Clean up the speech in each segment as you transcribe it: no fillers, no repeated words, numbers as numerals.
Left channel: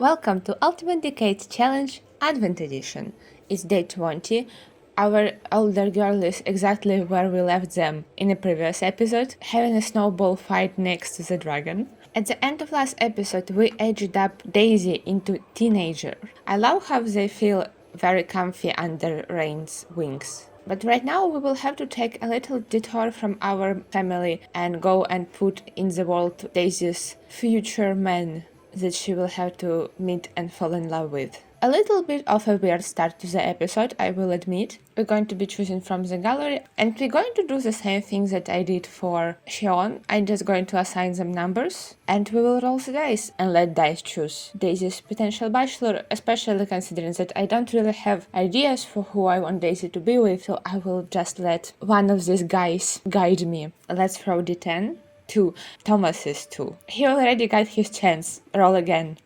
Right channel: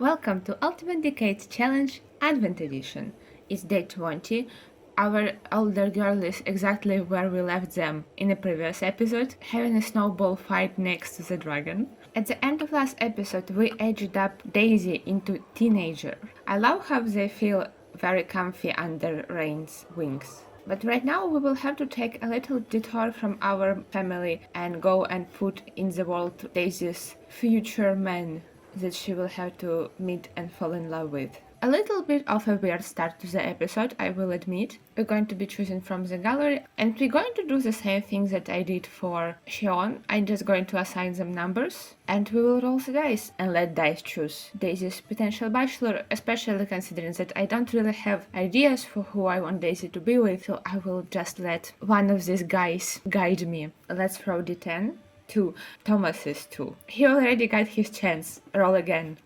Welcome to Ultimate Decade Challenge Advent Edition. It's day 20. Our older girl is exactly where we left them in a previous episode, having a snowball fight next to the dragon. At the end of last episode, we aged up Daisy into teenager. I love how they feel very comfy under Rain's wings. But right now we will have to take a little detour from our family and go and put in the world Daisy's future man that she will have to meet and fall in love with. A little bit of a weird start to the episode, I will admit. We're going to be choosing from the gallery and we're going to do the same thing that I did for Xion. I'm just going to assign them numbers and we will roll the dice and let dice choose Daisy's potential bachelor, especially considering that I don't really have ideas for who I want Daisy to be with, so I will just let one of these guys guide me. Let's throw D10. 2. Thomas is 2. He already got his chance. Roll again.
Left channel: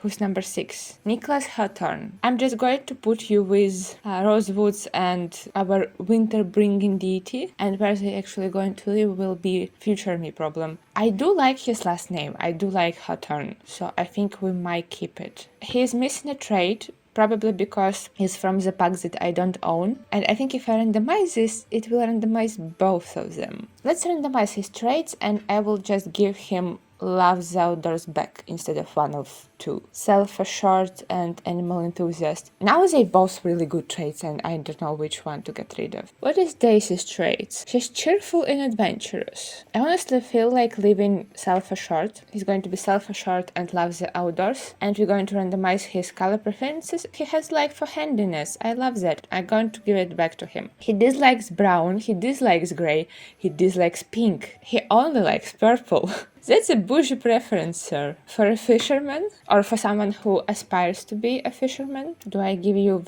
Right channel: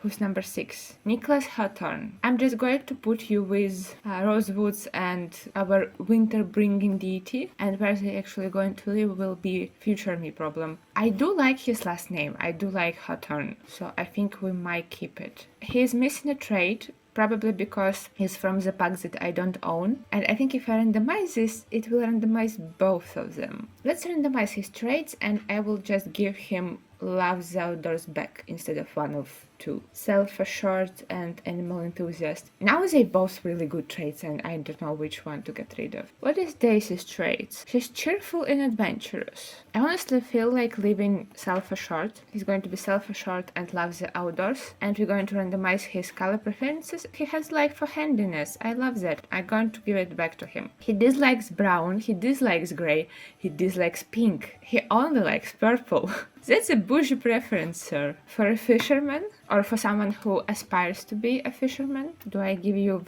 Who's number 6? Nicholas Hawthorne. I'm just going to put you with Rosewoods and our winter-bringing deity, and where they actually going to live will be future me problem. I do like his last name. I do like Hawthorne, so I think we might keep it. He's missing a trait, probably because he's from the pack that I don't own. And I think if I randomize this, it will randomize both of them. Let's randomize his traits and I will just give him Love the Outdoors back instead of one of two. Self-assured and animal enthusiast. Now they both really good traits and I don't know which one to get rid of. What is Daisy's traits? She's cheerful and adventurous. I honestly feel like leaving self-assured. He's going to be self-assured and loves the outdoors. And we're going to randomize his color preferences. He has like for handiness. I love that. I'm going to give it back to him. He dislikes brown. He dislikes gray. He dislikes pink. He only likes purple. That's a bougie preference, sir. For a fisherman, or for someone who aspires to be a fisherman, do I give you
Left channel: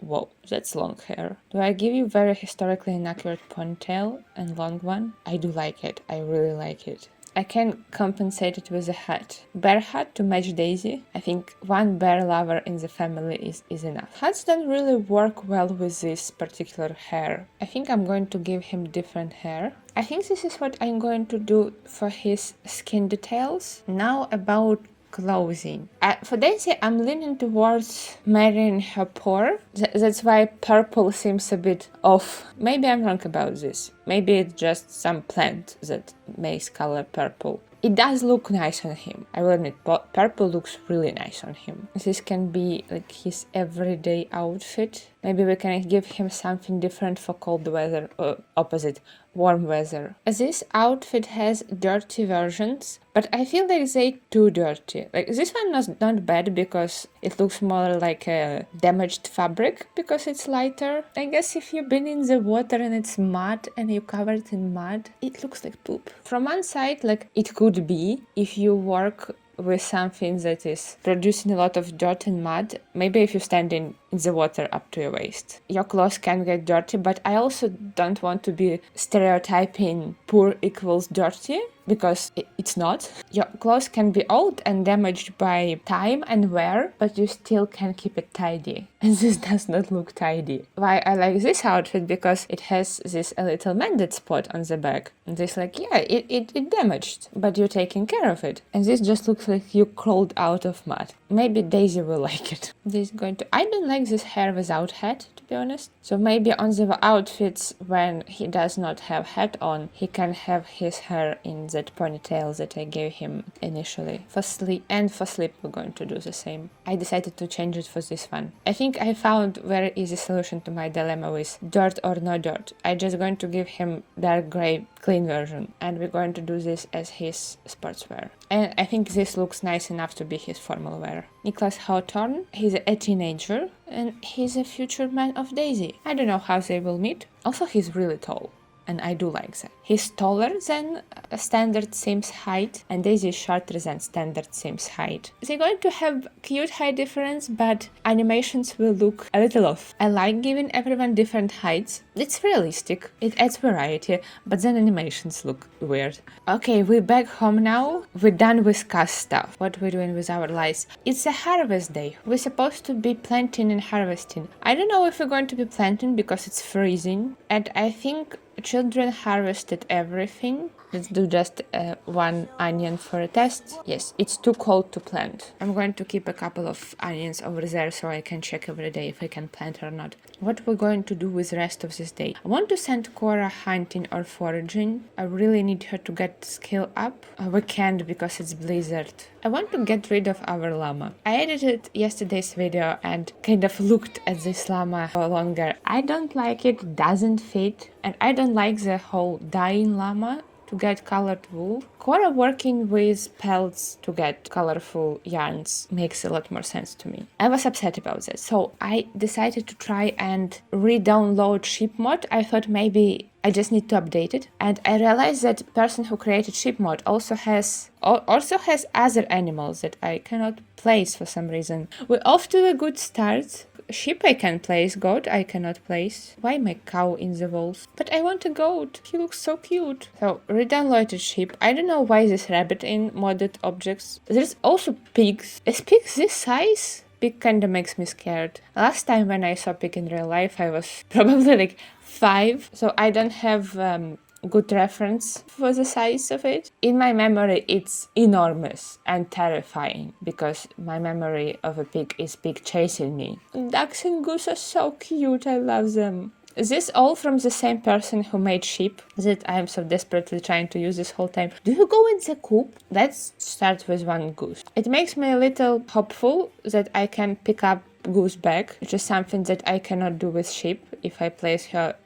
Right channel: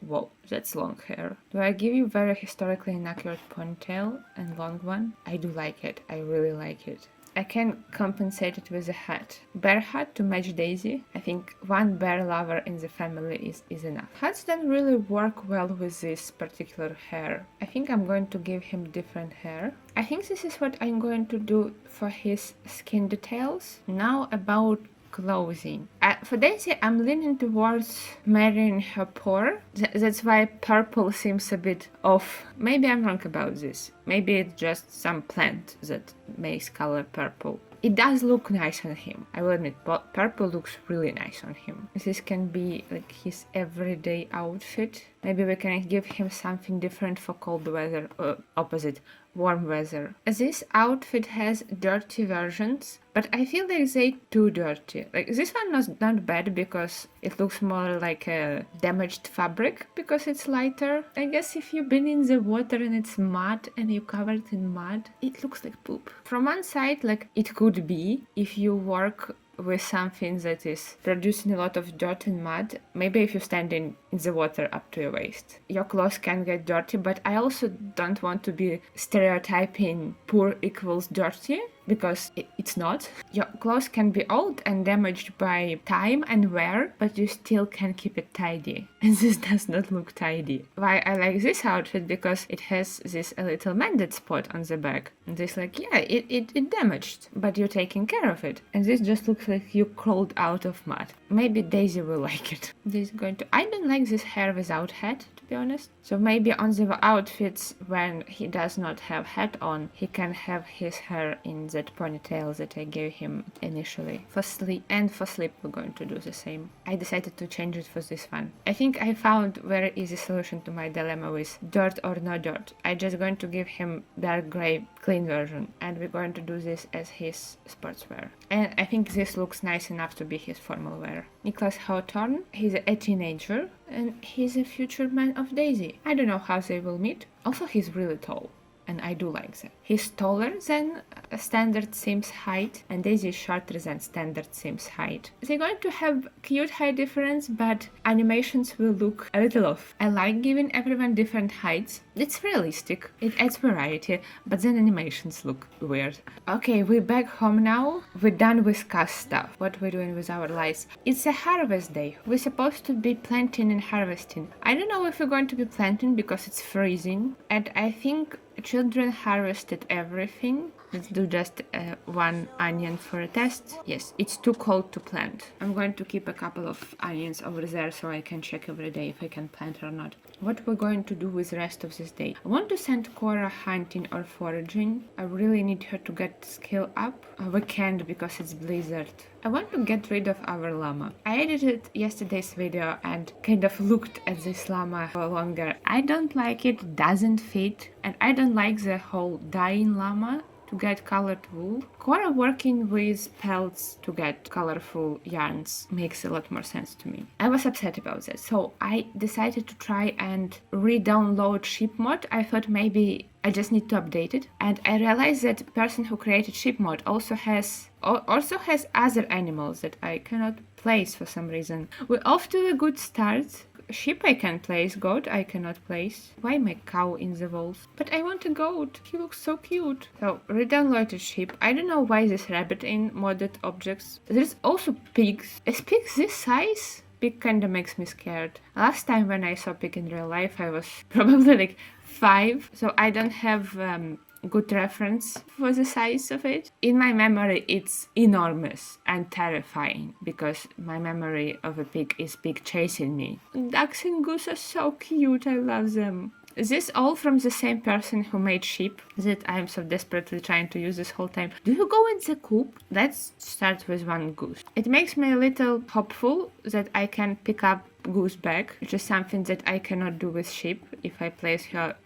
whoa, that's long hair. Do I give you very historically inaccurate ponytail and long one? I do like it. I really like it. I can compensate it with a hat. Bear hat to match Daisy. I think one bear lover in the family is enough. Hats don't really work well with this particular hair. I think I'm going to give him different hair. I think this is what I'm going to do for his skin details. Now about clothing. For Daisy, I'm leaning towards marrying her poor. That's why purple seems a bit off. Maybe I'm wrong about this. Maybe it's just some plant that makes color purple. It does look nice on him. I will admit, purple looks really nice on him. This can be like his everyday outfit. Maybe we can give him something different for cold weather, or opposite, warm weather. This outfit has dirty versions, but I feel like they too dirty. Like this one was not bad because it looks more like a damaged fabric because it's lighter. I guess if you've been in the water and it's mud and you're covered in mud, it looks like poop. From one side, like it could be if you work with something that is producing a lot of dirt and mud. Maybe if you stand in the water up to your waist, your clothes can get dirty, but I also don't want to be stereotyping poor equals dirty, because it's not. Your clothes can be old and damaged by time and wear, but you still can keep it tidy. And this does not look tidy. Why I like this outfit? Because it has this a little mended spot on the back. And this like, yeah, it damaged, but you're taking care of it. And this just looks like you crawled out of mud. Maybe Daisy will like it. This is going to... I don't like this hair without hat, to be honest. So maybe on the outfits when he does not have hat on, he can have his hair in that ponytail that I gave him initially. For sleep we're going to do the same. I decided to change it for this one. I think I found very easy solution to my dilemma with dirt or no dirt. I'm just going to give him dark gray clean version, and we're going to do this as his sportswear. And I think this looks nice enough to be his formal wear. Nicholas Hawthorne, he's a teenager and he's a future man of Daisy. I don't know how they will meet. Also, he's really tall. And I do like that. He's taller than standard Sims height, and Daisy is shorter than standard Sims height. They're going to have cute height difference, but animations will look a little off. I like giving everyone different heights. It's realistic, it adds variety, but then animations look weird. Okay, we're back home now. We're done with cast stuff. What we're doing with our lives. It's a harvest day. We're supposed to be planting and harvesting. I don't know if we're going to be planting because it's freezing, and I think children harvested everything. Let's do just one onion for a test. Yes, it's too cold to plant. I'm going to keep a couple of onions over there so I can check every day if I can plant or not. What we're going to do with the rest of this day? I want to send Cora hunting or foraging. I really need her to get skill up. We can't because it's blizzard. I want to get rid of our llama. I edited yesterday's video and kind of looked at this llama for longer. I don't like it, doesn't fit, and I don't like the whole dyeing llama to get colored wool. Cora working with pelts to get colorful yarns makes a lot more sense to me. I was upset about that, so I decided to try and re-download ship mod. I thought maybe I just need to update it, and I realized that the person who created ship mod also has other animals that I cannot place for some reason. We're off to a good start. Sheep I can place, goat I cannot place. Why my cow in the walls? But I want a goat, he looks so cute. So, re-downloaded sheep. I don't know why this rabbit in modded objects. There's also pigs. Is pigs this size? Pig kinda makes me scared. Last time when I saw pig in real life I was probably like 5, so I don't have good reference for the size of it. In my memory it's enormous and terrifying because my memory of a pig is pig chasing me. Ducks and goose are so cute, I love them. Is this all from the same person who made sheep that I'm so desperately trying to use this whole time? Do you go in the coop? Let's start with one goose. It makes me a little hopeful that I can pick up goose back, which is something that I cannot do with sheep. If I place her,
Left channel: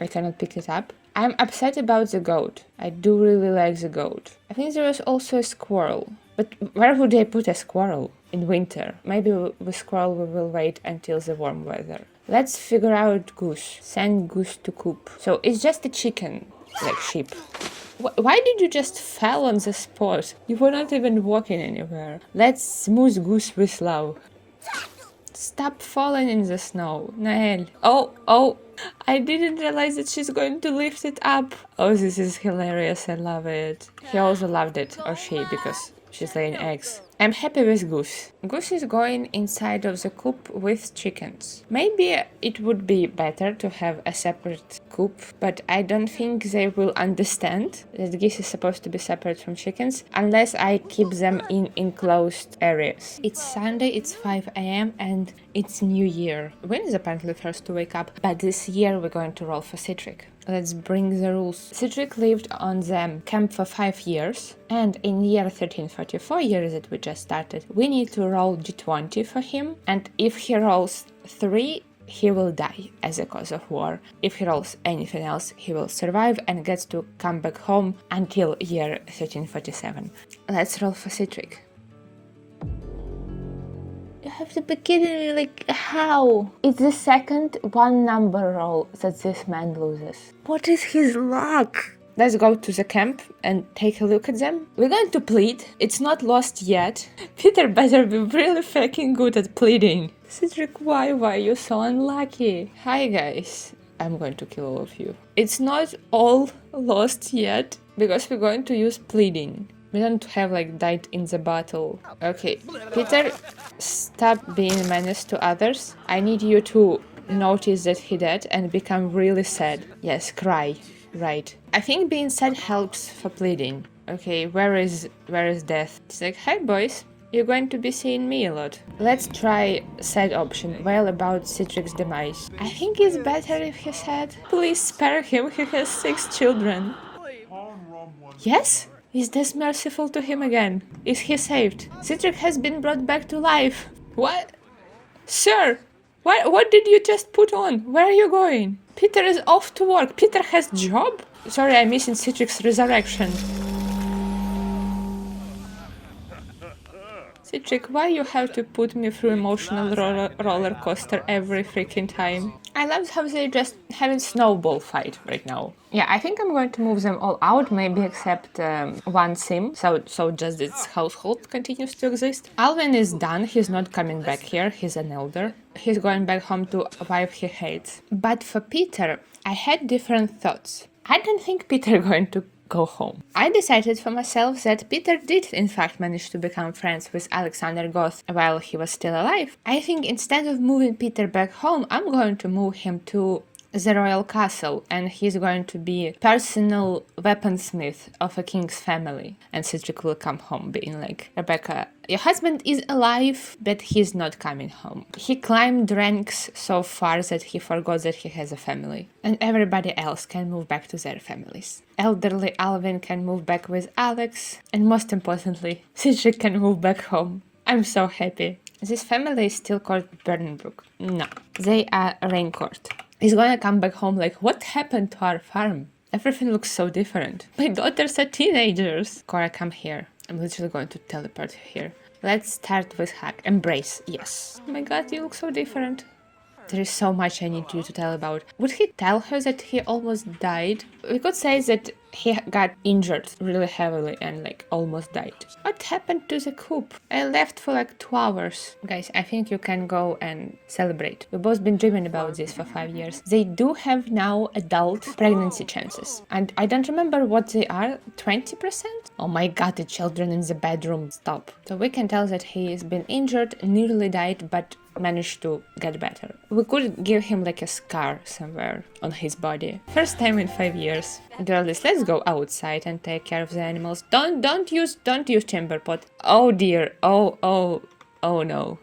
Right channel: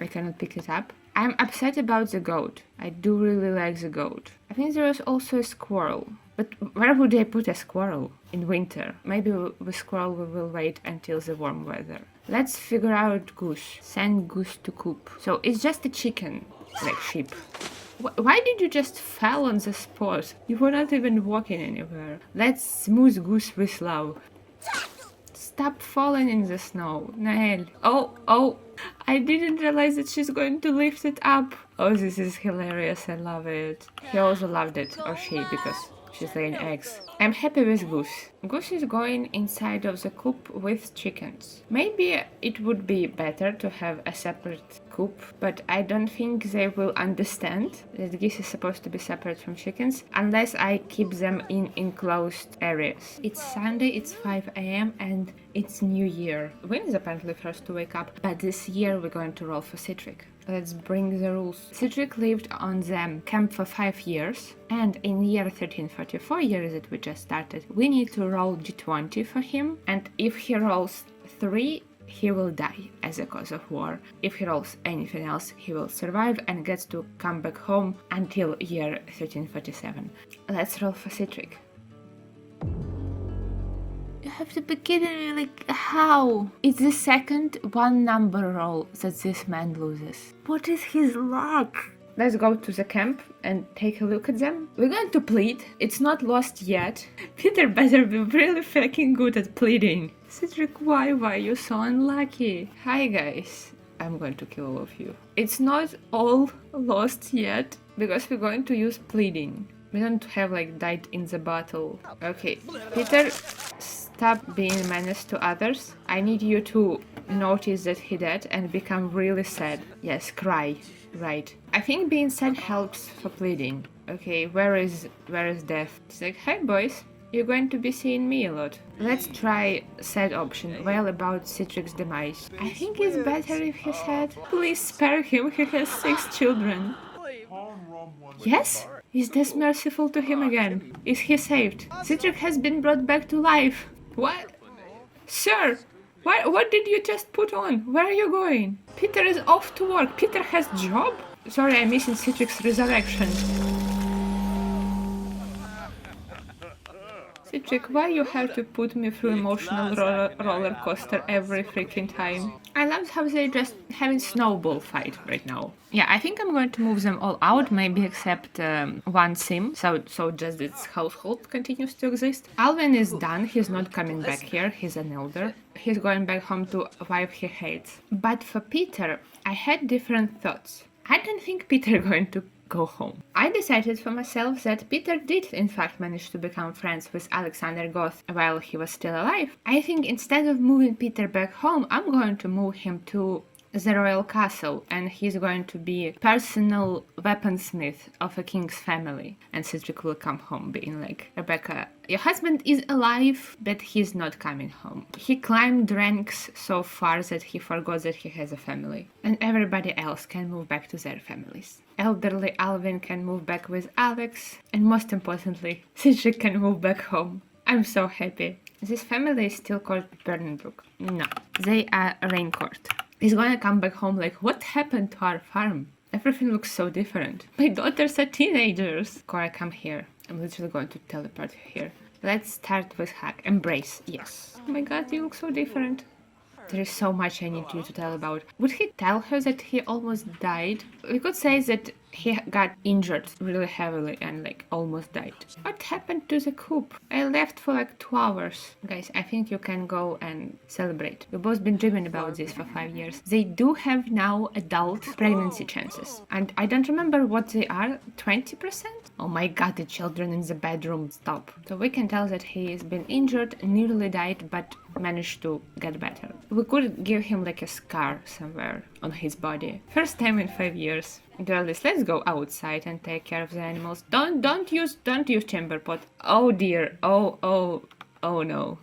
I cannot pick it up. I'm upset about the goat. I do really like the goat. I think there is also a squirrel. But where would I put a squirrel in winter? Maybe with squirrel we will wait until the warm weather. Let's figure out goose. Send goose to coop. So it's just a chicken, like sheep. Why did you just fall on the spot? You were not even walking anywhere. Let's smooth goose with love. Stop falling in the snow, Nael. Oh, I didn't realize that she's going to lift it up. Oh, this is hilarious, I love it. He also loved it, or she, because she's laying eggs. I'm happy with Goose. Goose is going inside of the coop with chickens. Maybe it would be better to have a separate coop, but I don't think they will understand that geese is supposed to be separate from chickens unless I keep them in enclosed areas. It's Sunday, it's 5 a.m. and it's New Year. Wynn is apparently first to wake up, but this year we're going to roll for Citric. Let's bring the rules. Citric lived on the camp for 5 years, and in year 1344 years that we just started, we need to roll d20 for him, and if he rolls 3, he will die as a cause of war. If he rolls anything else, he will survive and gets to come back home until year 1347. Let's roll for Citric. You have to be kidding me, like, how? It's the second one number roll that this man loses. What is his luck? Let's go to the camp and take a look at them. We're going to plead. It's not lost yet. Peter better be really freaking good at pleading. Cedric, why are you so unlucky? Hi guys. I'm going to kill all of you. It's not all lost yet because we're going to use pleading. We don't have like died in the battle. Okay, Peter, stop being a menace to others. I need you to notice that he dead and become really sad. Yes, cry. Right. I think being sad helps for pleading. Okay, where is death? It's like, hi boys, you're going to be seeing me a lot. Let's try sad option, wail about Citric's demise. I think it's better if he's sad. Please spare him, he has 6 children. Yes? Is this merciful to him again? Is he saved? Citric has been brought back to life. What? Sir! What did you just put on? Where are you going? Peter is off to work. Peter has job? Sorry, I'm missing Citric's resurrection. Citric, why you have to put me through emotional roller coaster every freaking time? I love how they just having snowball fight right now. Yeah, I think I'm going to move them all out, maybe except one sim, so just this household continues to exist. Alvin is done, he's not coming back here, he's an elder. He's going back home to a wife he hates. But for Peter, I had different thoughts. I don't think Peter going to go home. I decided for myself that Peter did in fact manage to become friends with Alexander Goth while he was still alive. I think instead of moving Peter back home, I'm going to move him to the royal castle, and he's going to be personal weaponsmith of a king's family. And Cedric will come home being like, Rebecca, your husband is alive, but he's not coming home. He climbed ranks so far that he forgot that he has a family. And everybody else can move back to their families. Elderly Alvin can move back with Alex, and most importantly, Cedric can move back home. I'm so happy. This family is still called Burnbrook. No, they are Raincourt. He's gonna come back home like, what happened to our farm? Everything looks so different. My daughters are teenagers. Cora, come here. I'm literally going to teleport here. Let's start with hug. Embrace. Yes. Oh my god, you look so different. There is so much I need you to tell about. Would he tell her that he almost died? We could say that he got injured really heavily and like almost died. What happened to the coop? I left for like 2 hours. Guys, I think you can go and celebrate. We've both been dreaming about this for 5 years. They do have now adult pregnancy chances. And I don't remember what they are. 20%? Oh my god, the children in the bedroom. Stop. So we can tell that he has been injured, nearly died, but managed to get better. We could give him like a scar somewhere on his body. First time in 5 years. Girlies, let's go outside and take care of the animals. Don't use chamber pot. Oh dear. Oh no.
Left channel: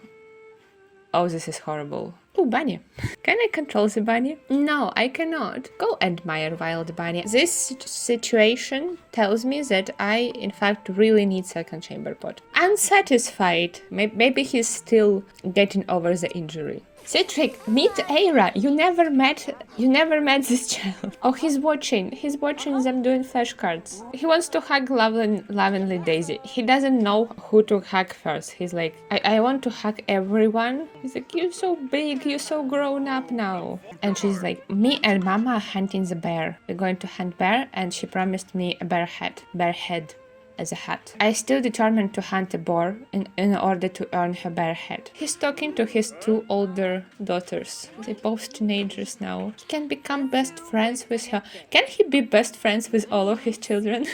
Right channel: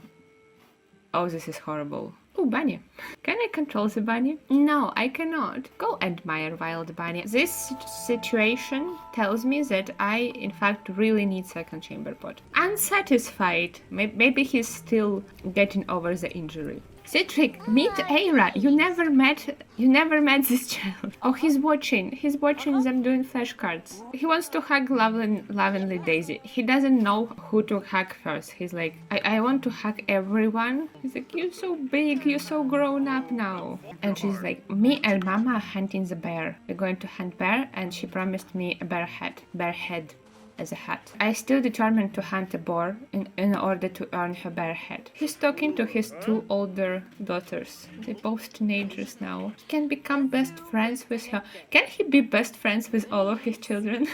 Oh, this is horrible. Oh, bunny. Can I control the bunny? No, I cannot. Go admire wild bunny. This situation tells me that I, in fact, really need second chamber pot. Unsatisfied. Maybe he's still getting over the injury. Cedric, meet Aira. You never met this child. Oh, he's watching them doing flashcards. He wants to hug lovely Daisy. He doesn't know who to hug first. He's like, I want to hug everyone. He's like, you're so big, you're so grown up now. And she's like, me and Mama are hunting the bear. We're going to hunt bear, and she promised me a bear head. As a hat. I still determined to hunt a boar in order to earn her bear head. He's talking to his 2 older daughters. They're both teenagers now. He can become best friends with her. Can he be best friends with all of his children?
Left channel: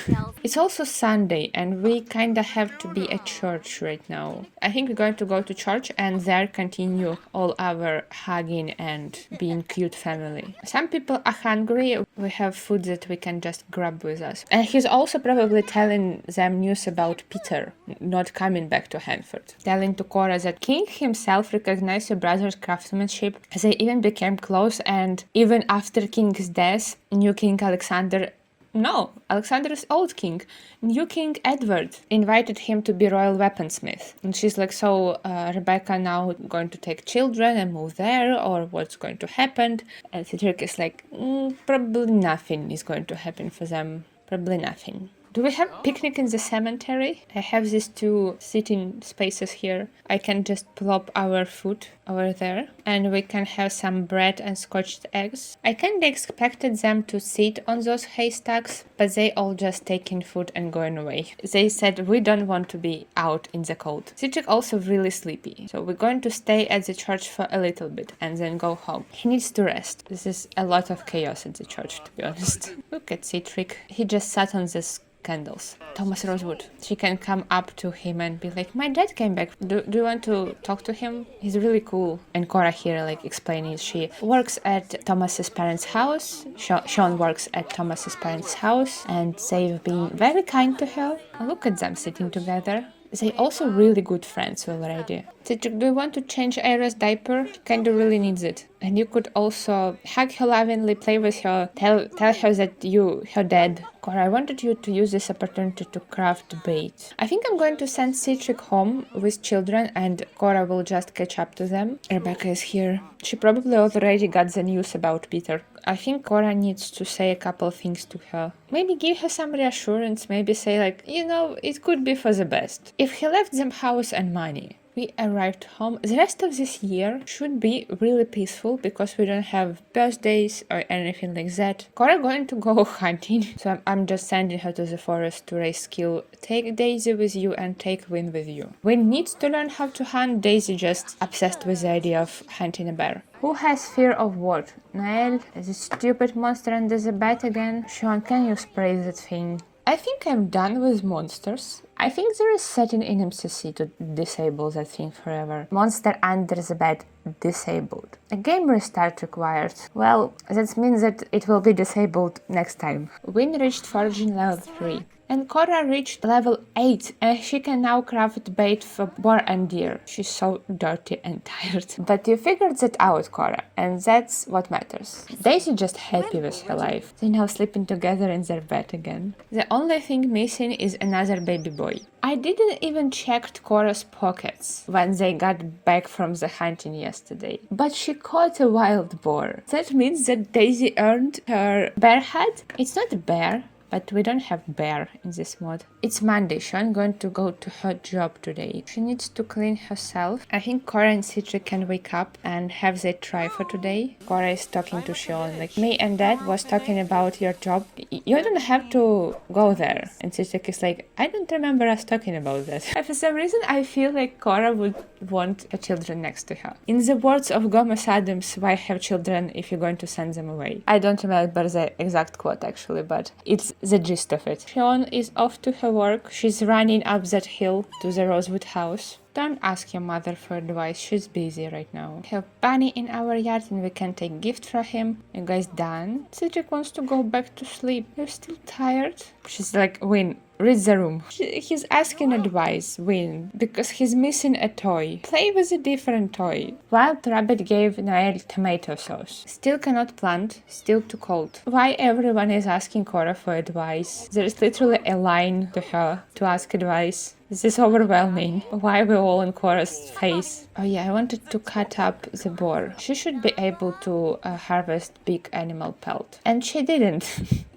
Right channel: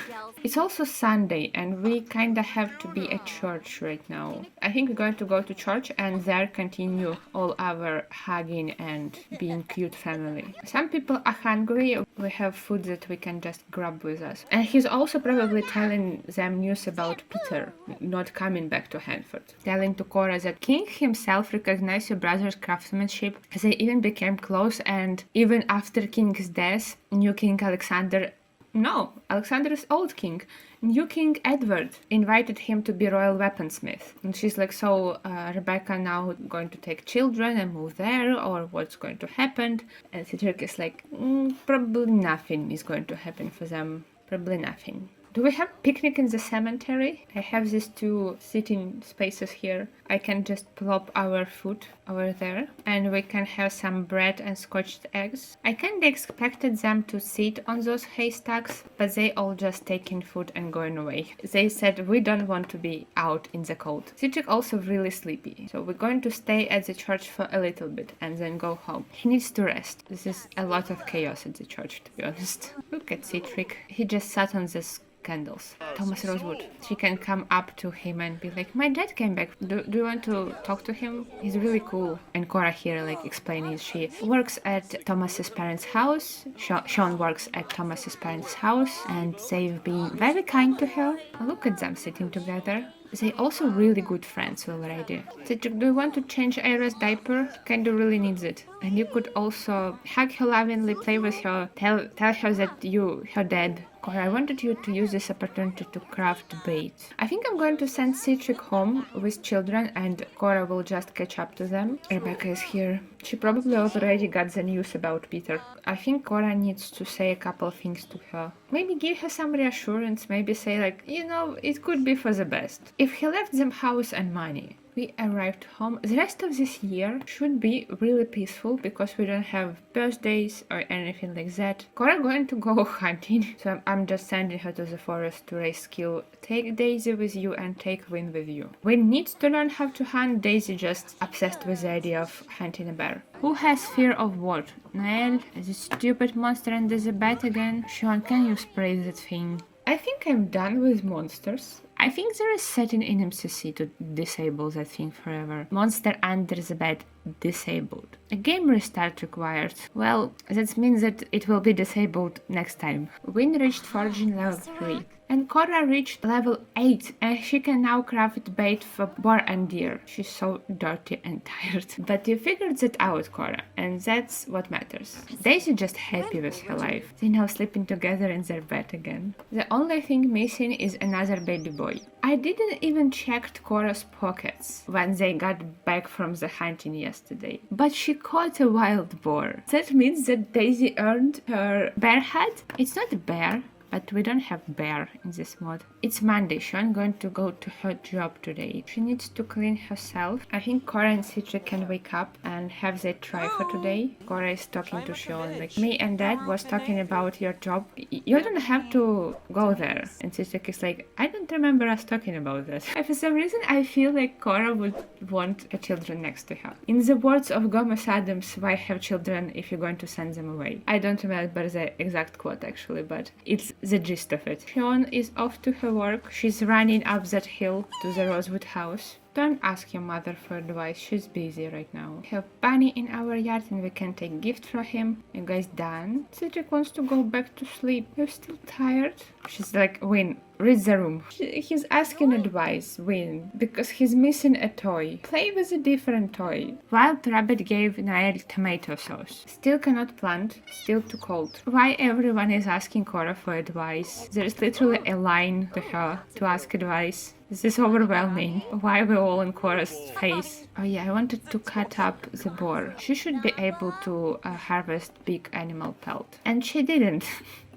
It's also Sunday and we kinda have to be at church right now. I think we're going to go to church and there continue all our hugging and being cute family. Some people are hungry. We have food that we can just grab with us. And he's also probably telling them news about Peter not coming back to Hanford. Telling to Cora that King himself recognized her brother's craftsmanship. They even became close, and even after King's death, new King Alexander is old king. New King Edward invited him to be royal weaponsmith. And she's like, so Rebecca now going to take children and move there, or what's going to happen? And Cedric is like, probably nothing is going to happen for them. Probably nothing. Do we have picnic in the cemetery? I have these 2 sitting spaces here. I can just plop our food over there and we can have some bread and scotched eggs. I kinda expected them to sit on those haystacks, but they all just taking food and going away. They said we don't want to be out in the cold. Cedric also really sleepy, so we're going to stay at the church for a little bit and then go home. He needs to rest. This is a lot of chaos at the church, to be honest. Look at Cedric. He just sat on this candles. Thomas Rosewood. She can come up to him and be like, my dad came back. Do you want to talk to him? He's really cool. And Cora here like explaining she works at Thomas's parents' house. Sean works at Thomas's parents' house and they've been very kind to her. Look at them sitting together. They also really good friends already. Cedric, do you want to change Aira's diaper? Kinda really needs it. And you could also hug her lovingly, play with her, tell her that her dad. Cora, I wanted you to use this opportunity to craft bait. I think I'm going to send Cedric home with children and Cora will just catch up to them. Rebecca is here. She probably already got the news about Peter. I think Cora needs to say a couple things to her. Maybe give her some reassurance, maybe say like, it could be for the best. If he left them house and money, we arrived home. The rest of this year should be really peaceful because we don't have birthdays or anything like that. Cora going to go hunting, so I'm just sending her to the forest to raise skill. Take Daisy with you and take Win with you. Win needs to learn how to hunt. Daisy just obsessed with the idea of hunting a bear. Who has fear of what? Noelle? Is this stupid monster under the bed again? Sean, can you spray that thing? I think I'm done with monsters. I think there is setting in MCC to disable that thing forever. Monster under the bed disabled. A game restart required. Well, that means that it will be disabled next time. Win reached foraging level 3. And Cora reached level 8 and she can now craft bait for boar and deer. She's so dirty and tired. But you figured that out, Cora, and that's what matters. Daisy's just happy with her life. They're now sleeping together in their bed again. The only thing missing is another baby boy. I didn't even check Cora's pockets when they got back from the hunting yesterday. But she caught a wild boar. That means that Daisy earned her bear hat. It's not a bear. But we don't have bear in this mod. It's Monday, so I'm going to go to her job today. She needs to clean herself. I think Cora and Citra can wake up and have their try for today. Cora is talking to Sean, like, me and Dad was talking about your job. You don't have to go there. And Citra is like, I don't remember us talking about that. For some reason, I feel like Cora would want her children next to her. In the words of Gomez Adams, why have children if you're going to send them away? I don't remember the exact quote actually, but it's the gist of it. Sean is off to her work. She's running up that hill to the Rosewood house. Don't ask your mother for advice, she's busy right now. We have Bunny in our yard and we can take gift from him. You guys done? Cedric wants to go back to sleep. You're still tired? She's like, Win, read the room. He's asking advice, Win, because he's missing a toy. Play with a different toy. Wild Rabbit gave Nael tomato sauce. Still cannot plant, still too cold. Why everyone is asking Cora for advice? There's literally a line to her to ask advice. This is overwhelming. Why are we all in Cora's face? Oh yeah, I wanted to cut up the boar. She should be able to harvest big animal pelt. And she didn't.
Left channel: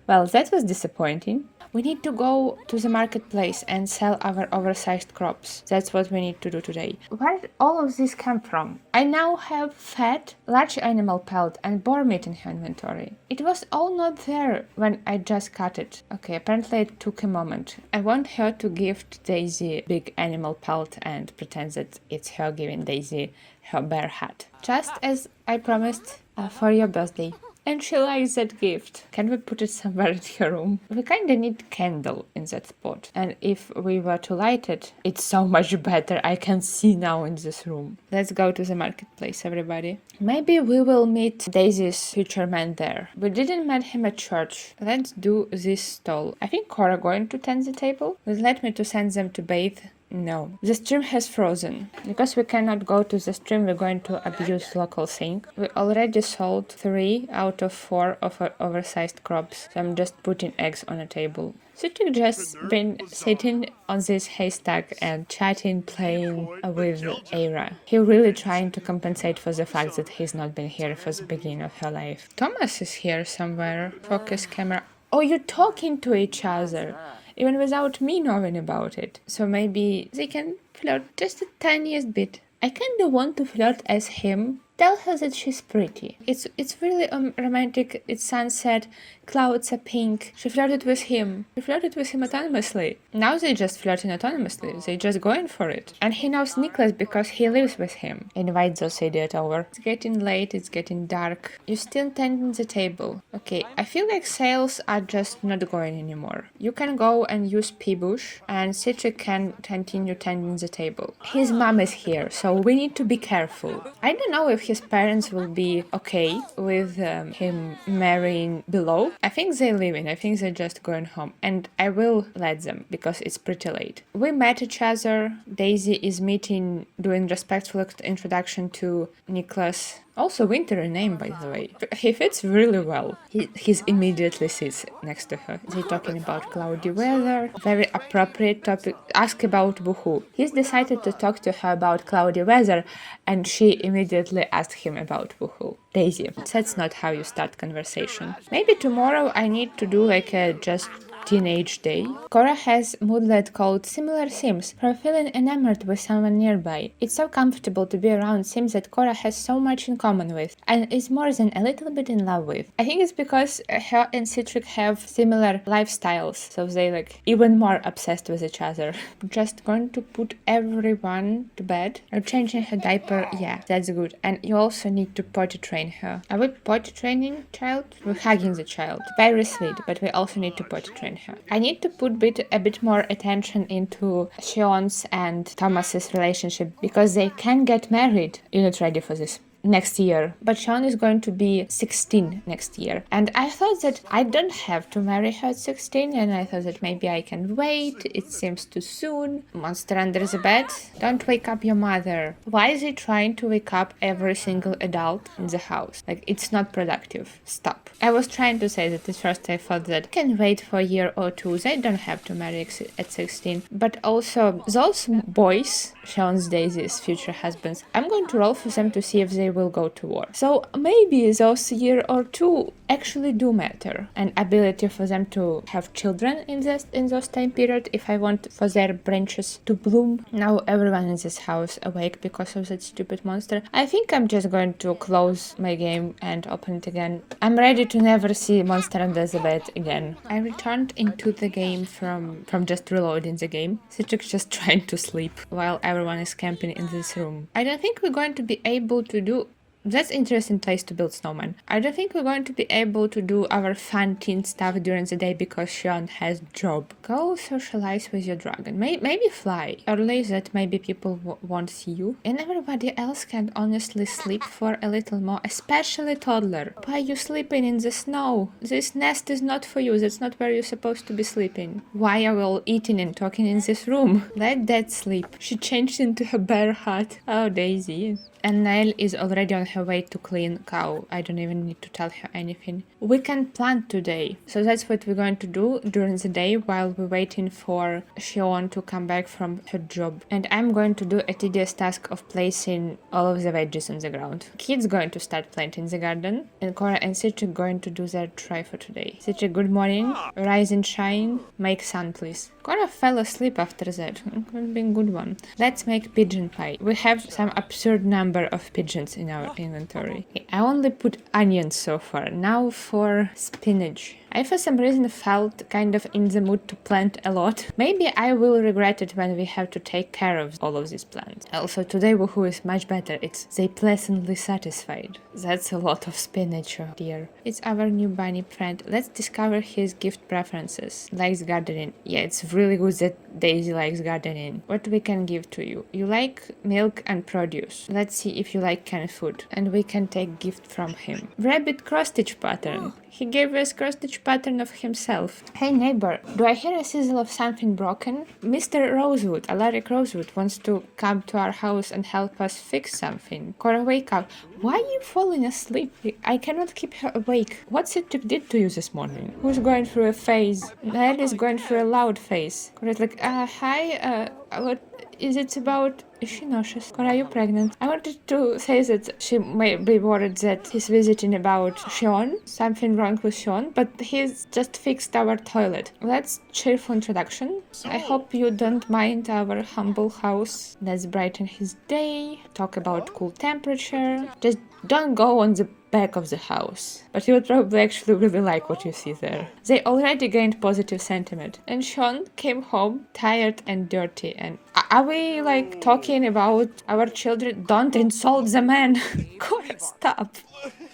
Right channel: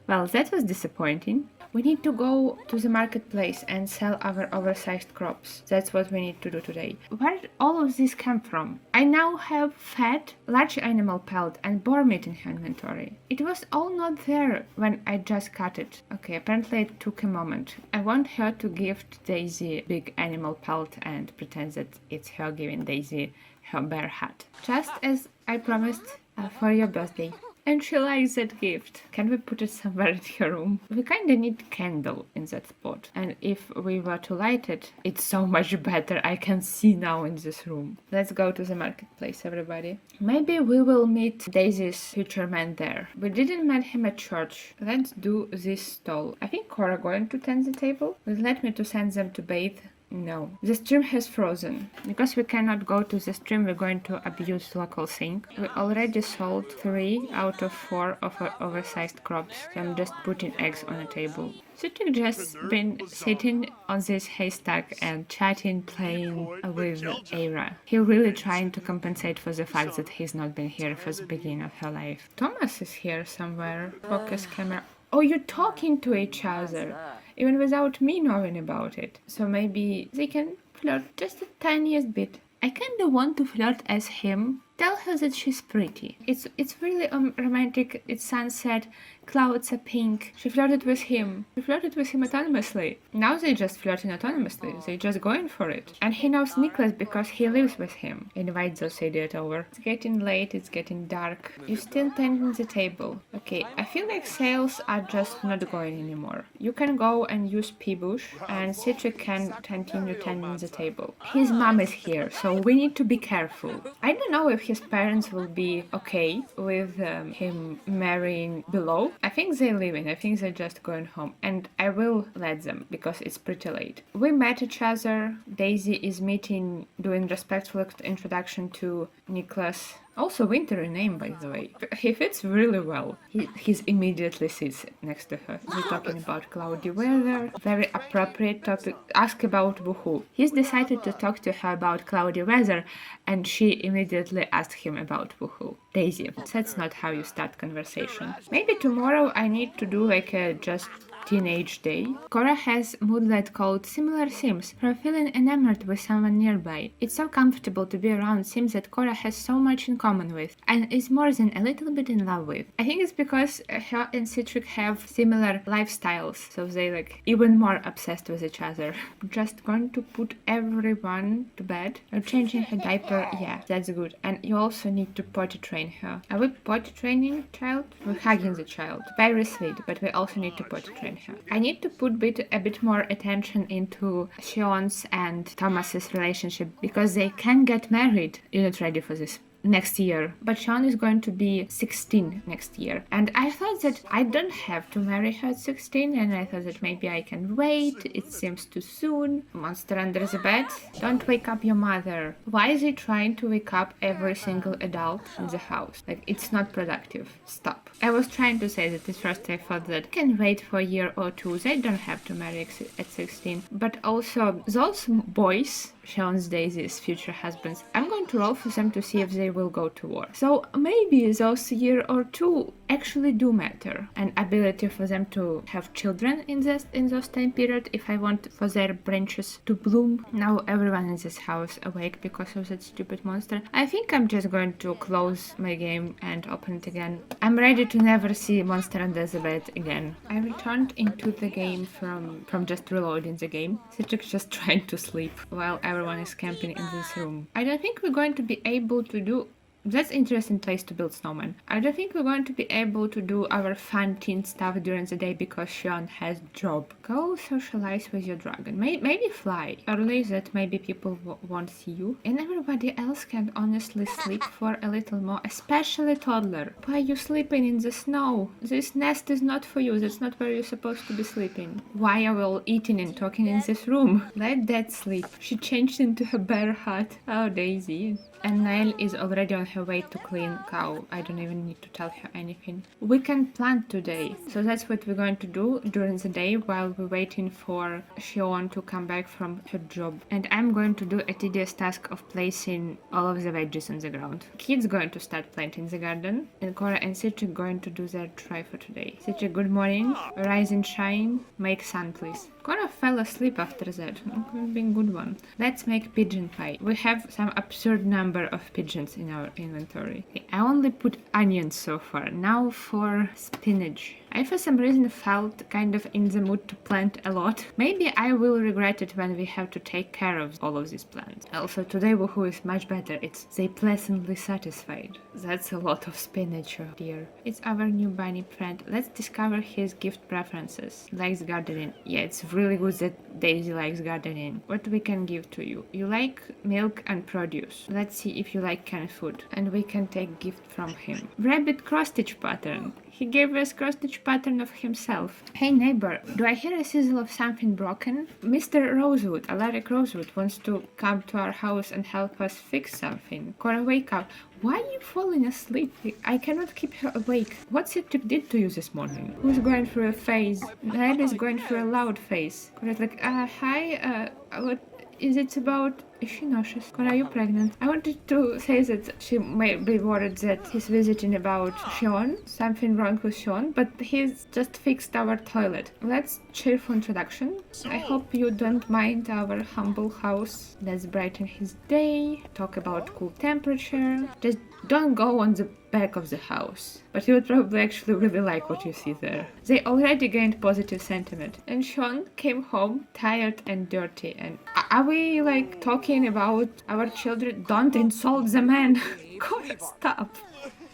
Well, that was disappointing. We need to go to the marketplace and sell our oversized crops. That's what we need to do today. Where did all of this come from? I now have fat, large animal pelt and boar meat in her inventory. It was all not there when I just cut it. Okay, apparently it took a moment. I want her to gift Daisy big animal pelt and pretend that it's her giving Daisy her bear hat. Just as I promised for your birthday. And she likes that gift. Can we put it somewhere in her room? We kinda need candle in that spot. And if we were to light it, it's so much better. I can see now in this room. Let's go to the marketplace, everybody. Maybe we will meet Daisy's future man there. We didn't meet him at church. Let's do this stall. I think Cora going to tend the table. Will let me to send them to bathe. No. The stream has frozen. Because we cannot go to the stream, we're going to abuse local sync. We already sold 3 out of 4 of our oversized crops. So I'm just putting eggs on a table. Citric just been sitting on this haystack and chatting, playing with Aira. He really trying to compensate for the fact that he's not been here for the beginning of her life. Thomas is here somewhere. Focus camera. Oh, you're talking to each other, even without me knowing about it. So maybe they can flirt just the tiniest bit. I kinda want to flirt as him. Tell her that she's pretty. It's really romantic. It's sunset. Clouds are pink. She flirted with him. She flirted with him autonomously. Now they just flirting autonomously. They just going for it. And he knows Nicholas because he lives with him. Invite those idiot over. It's getting late. It's getting dark. You're still tending the table. Okay, I feel like sales are just not going anymore. You can go and use P-Bush and Citric can continue tending the table. His mom is here, so we need to be careful. I don't know if his parents will be okay with him marrying below. I think they're leaving. I think they're just going home. And I will let them because it's pretty late. We met each other. Daisy is doing respectful introduction to Nicholas. Also winter name, by the way. He fits really well. He immediately sits next to her. They're talking about cloudy weather. Very appropriate topic. Ask about Woohoo. He's decided to talk to her about cloudy weather, and she immediately asked him about Woohoo. Daisy, that's not how you start conversation. Maybe tomorrow I need to do like a just teenage day. Cora has moodlet called Similar Sims for feeling enamored with someone nearby. It's so comfortable to be around Sims that Cora has so much in common with and is more than a little bit in love with. I think it's because her and Citric have similar lifestyles, so they like even more obsessed with each other. Just going to put everyone to bed. Are changing her diaper? Yeah, that's good. And you also need to potty train her. Are we potty training child? We're hugging the child. Very sweet, but we also need to potty train her. I need to put a bit more attention into Sean's and Thomas's relationship because they can get married. You're not ready for this. Next year, but Sean is going to be 16 next year, and I thought that I don't have to marry her at 16, and I thought that maybe I can wait. It seems too soon. Monster under the bed, don't wake up your mother. Why is he trying to wake up every single adult in the house? Like, it's not productive. Stop. I was trying to say that at first I thought that I can wait for a year or two. They don't have to marry at 16, but also those boys, Sean's Daisy's future husbands, I'm going to roll for them to see if they will go to war. So maybe those year or two actually do matter. An ability for them to have children in those time period if I want for their branches to bloom. Now everyone in this house awake because of that stupid monster. I think I'm just going to close my game and open it again. I'm ready to never see Monster Under the Bed again. I returned into the game from just reloading the game. Citrix just trying to sleep while everyone is camping in this room. I don't think we're going to be able to do... That's an interesting place to build snowman. I don't think we're going to be able to do our fun teen stuff during the day because Sean has job. Go socialize with your dragon. Maybe fly. Early that maybe people won't see you. And everybody else can honestly sleep for a little more, especially toddler. Why are you sleeping in the snow? This nest is not for you. That's not where you're supposed to be sleeping. Why are we all eating and talking in this room? Let Dad sleep. She changed into a bear hut. Oh, Daisy. And Nail is already on her way to clean cow. I don't even need to tell her anything. We can plant today. So that's what we're going to do during the day while we're waiting for Shion to come back from her job. And I'm going to do a tedious task of placing all of the veggies on the ground. Kid's going to start planting the garden. And Cora and Citrix going to do their try for today. Citrix, good morning. Rise and shine. Make sun, please. Cora fell asleep after that. Could be a good one. Let's make pigeon pie. We have some absurd number of pigeons in our inventory. Okay, I only put onions so far. Now for spinach. I for some reason felt kind of in the mood to plant a lot. Maybe I will regret it when we have to take care of all of these plants. Also today Woohoo is much better. It's they pleasantly satisfied. That's a lot of spinach, oh dear. It's our new bunny friend. Let's discover his gift preferences. Likes gardening. Yeah, it's really good that Daisy likes gardening. What we can give to you? You like milk and produce. Let's see if you like canned food. And we can take gift from him. Rabbit cross-stitch pattern. He gave us cross-stitch pattern of himself. Hey neighbor, do I hear a sizzle of something broken? Mr. Rosewood, Alaric Rosewood, wants to come to our house and help us fix something. Cora, wake up. Why are you falling asleep? I cannot keep her awake. What Citrix did to you this morning? Who's going through a phase? Ned is going through a loud phase. Cora's like, hi, what is it about? Is she nauseous? Cora, are you pregnant? I wanted to say that she may be worried that he's visiting about Sean. Something wrong with Sean, but he's just fixed our toilet. Let's cheerful introduction. I hope you don't mind our humble house. Let's brighten his day. Talk about cool temperature. Just don't go on the back of the house. But you would probably actually really like what you see there. They already gained positive sentiment. And Sean came home tired and dirty. And are we like talking about our children? Don't insult the man. Cora, stop.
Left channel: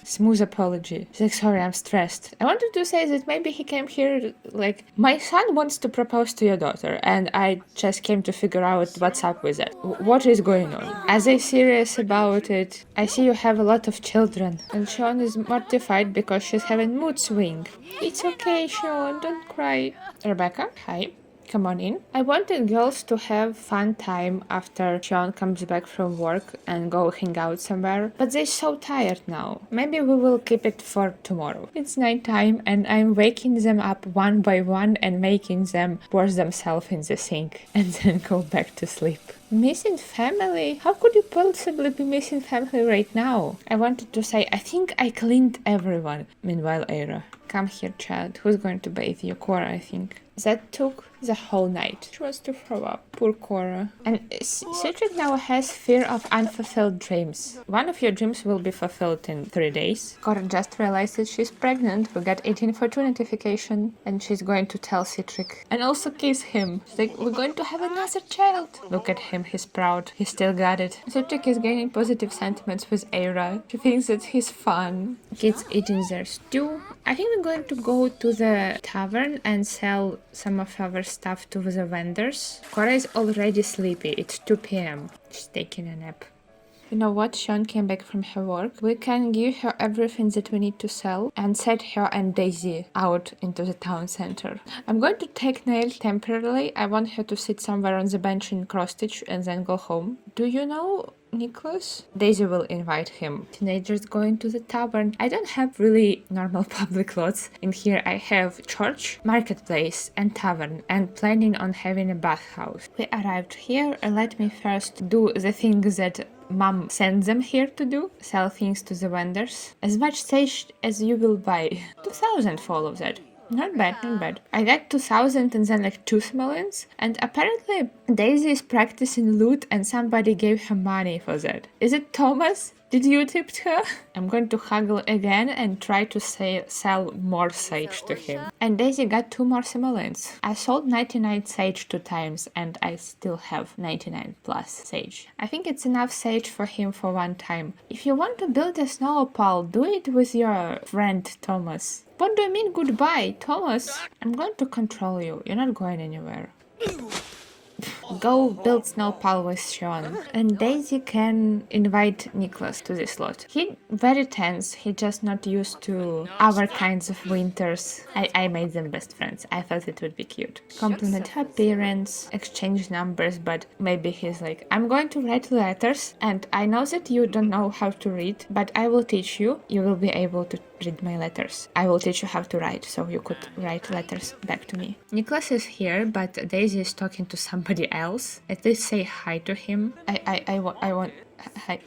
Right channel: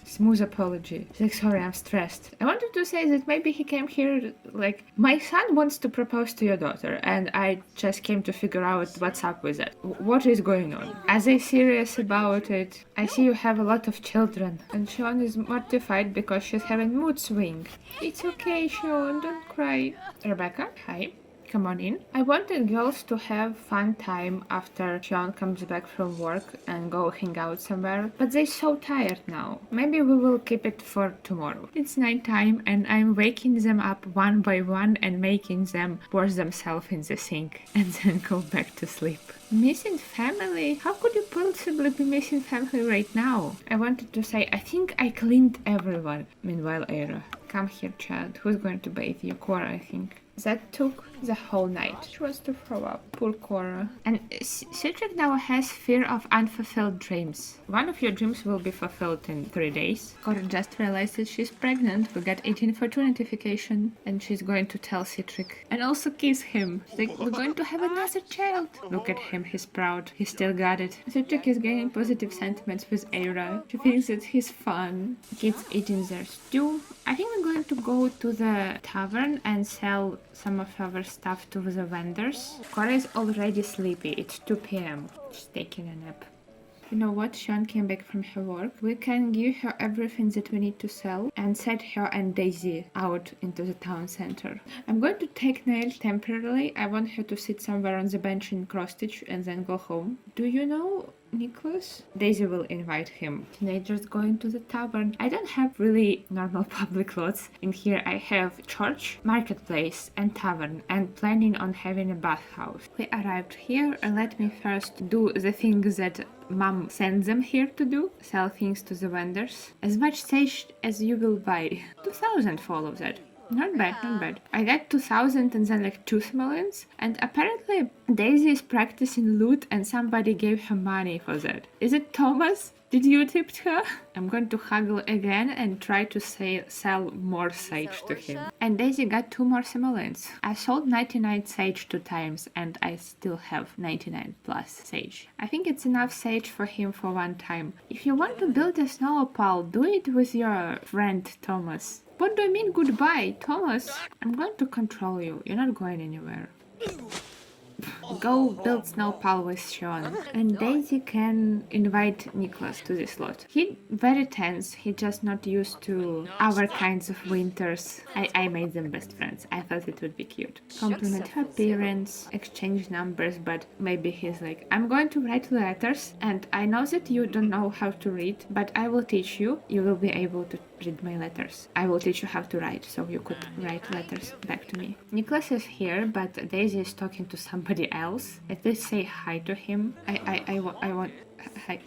Smooth apology. She's like, sorry, I'm stressed. I wanted to say that maybe he came here like, my son wants to propose to your daughter and I just came to figure out what's up with it. What is going on? Are they serious about it? I see you have a lot of children. And Sean is mortified because she's having mood swing. It's okay, Sean, don't cry. Rebecca, hi. Come on in. I wanted girls to have fun time after Sean comes back from work and go hang out somewhere, but they're so tired now. Maybe we will keep it for tomorrow. It's night time and I'm waking them up one by one and making them wash themselves in the sink and then go back to sleep. Missing family? How could you possibly be missing family right now? I wanted to say, I think I cleaned everyone. Meanwhile, Era. Come here, child. Who's going to bathe you? Cora, I think. That took the whole night. She wants to throw up. Poor Cora. And Citric now has fear of unfulfilled dreams. One of your dreams will be fulfilled in 3 days. Cora just realized that she's pregnant. We got 1842 notification, and she's going to tell Citric and also kiss him. She's like, we're going to have another child. Look at him, he's proud. He still got it. Citric is gaining positive sentiments with Aira. She thinks that he's fun. Kids eating their stew. I think we're going to go to the tavern and sell some of our stuff to the vendors. Cora is already sleepy. It's 2 p.m. She's taking a nap. You know what? Sean came back from her work. We can give her everything that we need to sell and set her and Daisy out into the town center. I'm going to take Nail temporarily. I want her to sit somewhere on the bench in cross-stitch and then go home. Do you know Nicholas? Daisy will invite him. Teenagers going to the tavern. I don't have really normal public lots. In here I have church, marketplace, and tavern, and planning on having a bathhouse. We arrived here, and let me first do the things that Mom sends them here to do. Sell things to the vendors. As much sage as you will buy. 2,000 for all of that. Not bad, not bad. I got 2,000 and then like 2 simoleons. And apparently Daisy is practicing loot and somebody gave her money for that. Is it Thomas? Did you tip her? I'm going to haggle again and try to sell more sage to him. And Daisy got 2 more simoleons. I sold 99 sage 2 times and I still have 99 plus sage. I think it's enough sage for him for 1 time. If you want to build a snow opal, do it with your friend Thomas. What do you mean goodbye, Thomas? I'm going to control you. You're not going anywhere. Go build snowpal with Sean. And Daisy can invite Nicholas to this lot. He very tense. He just not used to our kinds of winters. I made them best friends. I thought it would be cute. Compliment her parents, exchange numbers, but maybe he's like, I'm going to write letters and I know that you don't know how to read, but I will teach you. You will be able to read my letters. I will teach you how to write so you could write letters back to me. Nicholas is here, but Daisy is talking to somebody else. At least say hi to him. I want hi.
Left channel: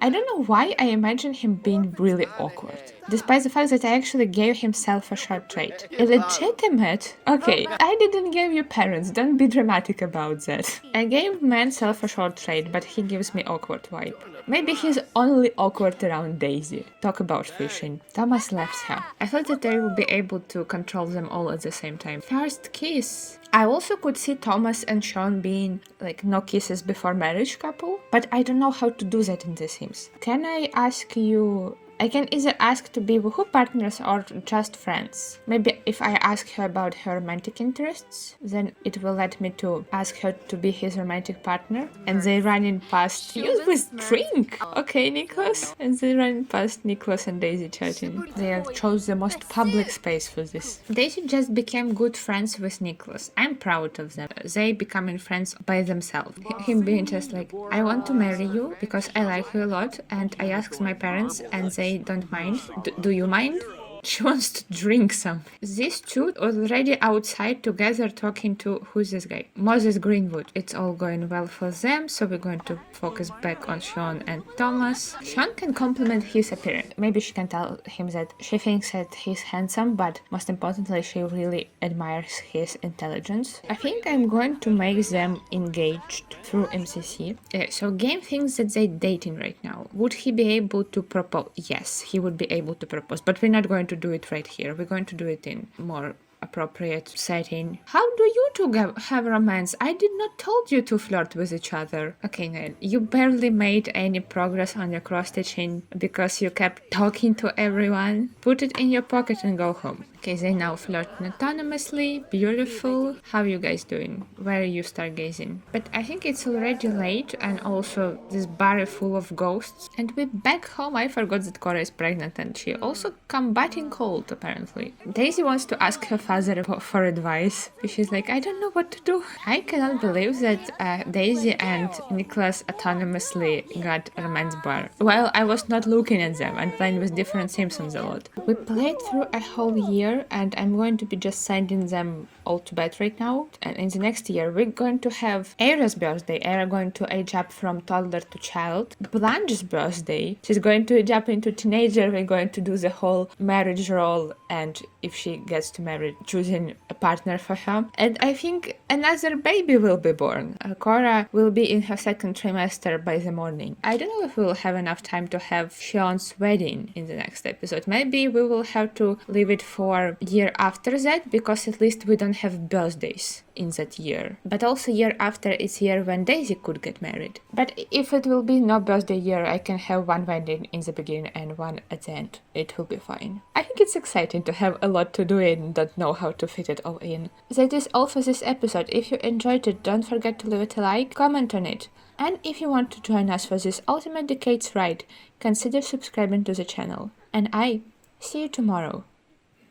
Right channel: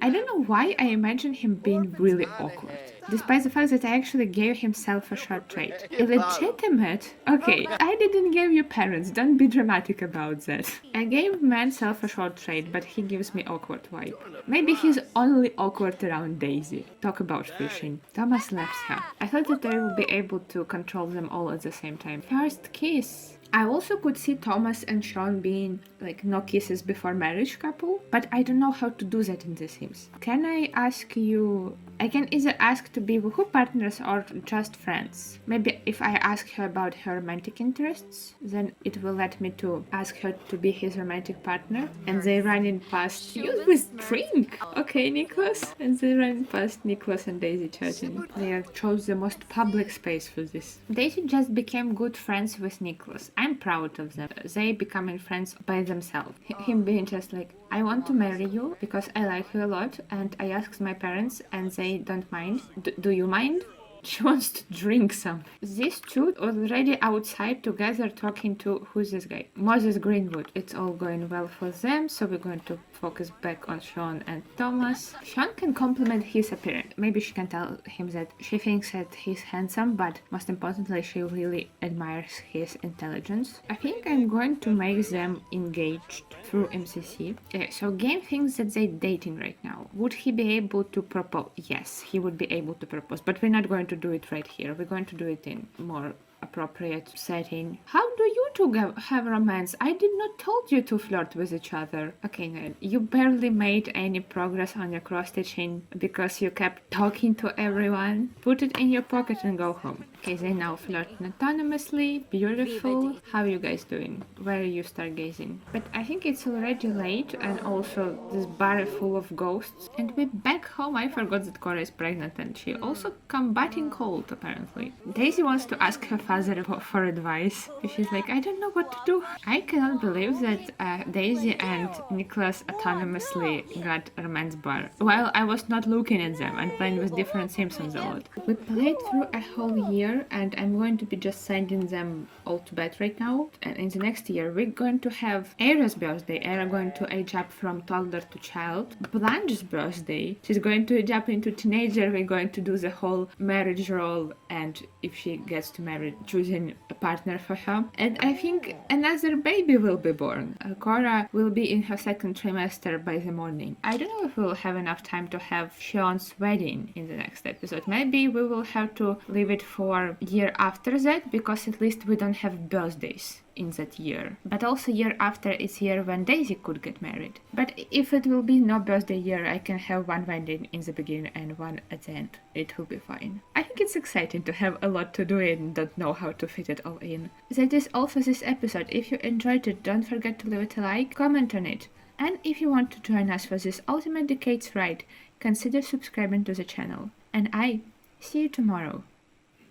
I don't know why I imagine him being really awkward. Despite the fact that I actually gave himself a short trait. Illegitimate? Okay, I didn't give you parents, don't be dramatic about that. I gave myself a short trait, but he gives me awkward vibe. Maybe he's only awkward around Daisy. Talk about fishing. Thomas left her. I thought that I would be able to control them all at the same time. First kiss. I also could see Thomas and Sean being like no kisses before marriage couple, but I don't know how to do that in The Sims. Can I ask you... I can either ask to be woohoo partners or just friends. Maybe if I ask her about her romantic interests, then it will let me to ask her to be his romantic partner. And they running past... Use with drink! Okay, Nicholas. And they running past Nicholas and Daisy chatting. They chose the most public space for this. Daisy just became good friends with Nicholas. I'm proud of them. They becoming friends by themselves. Him being just like, I want to marry you because I like you a lot and I asked my parents and they don't mind. Do you mind? She wants to drink some. These two already outside together talking to, who's this guy? Moses Greenwood. It's all going well for them, so we're going to focus back on Sean and Thomas. Sean can compliment his appearance. Maybe she can tell him that she thinks that he's handsome, but most importantly, she really admires his intelligence. I think I'm going to make them engaged through MCC. So Game thinks that they're dating right now. Would he be able to propose? Yes, he would be able to propose, but we're not going to do it right here. We're going to do it in more appropriate setting. How do you two have romance? I did not told you to flirt with each other. Okay, Ned, you barely made any progress on your cross-stitching because you kept talking to everyone. Put it in your pocket and go home. Okay, they now flirt autonomously. Beautiful. How are you guys doing? Where are you stargazing? But I think it's already late and also this bar is full of ghosts. And we're back home. I forgot that Cora is pregnant and she also combating cold apparently. Daisy wants to ask her father for advice. She's like, I don't know what to do. I cannot believe that Daisy and Nicholas autonomously got a romance bar. While I was not looking at them and playing with different Simpsons a lot. We played through a whole year year, and I'm going to be just sending them all to bed right now. And in the next year, we're going to have Era's birthday. Era going to age up from toddler to child. Blanche's birthday. She's going to age up into teenager. We're going to do the whole marriage role, and if she gets to marry, choosing a partner for her. And I think another baby will be born. Cora will be in her second trimester by the morning. I don't know if we'll have enough time to have Sean's wedding in the next episode. Maybe we will have to leave it for year after that, because at least we don't have birthdays in that year. But also year after is year when Daisy could get married. But if it will be no birthday year, I can have one wedding in the beginning and one at the end. It will be fine. I think it's exciting to have a lot to do and don't know how to fit it all in. That is all for this episode. If you enjoyed it, don't forget to leave it a like, comment on it. And if you want to join us for this Ultimate Decades ride, consider subscribing to the channel. And I see you tomorrow.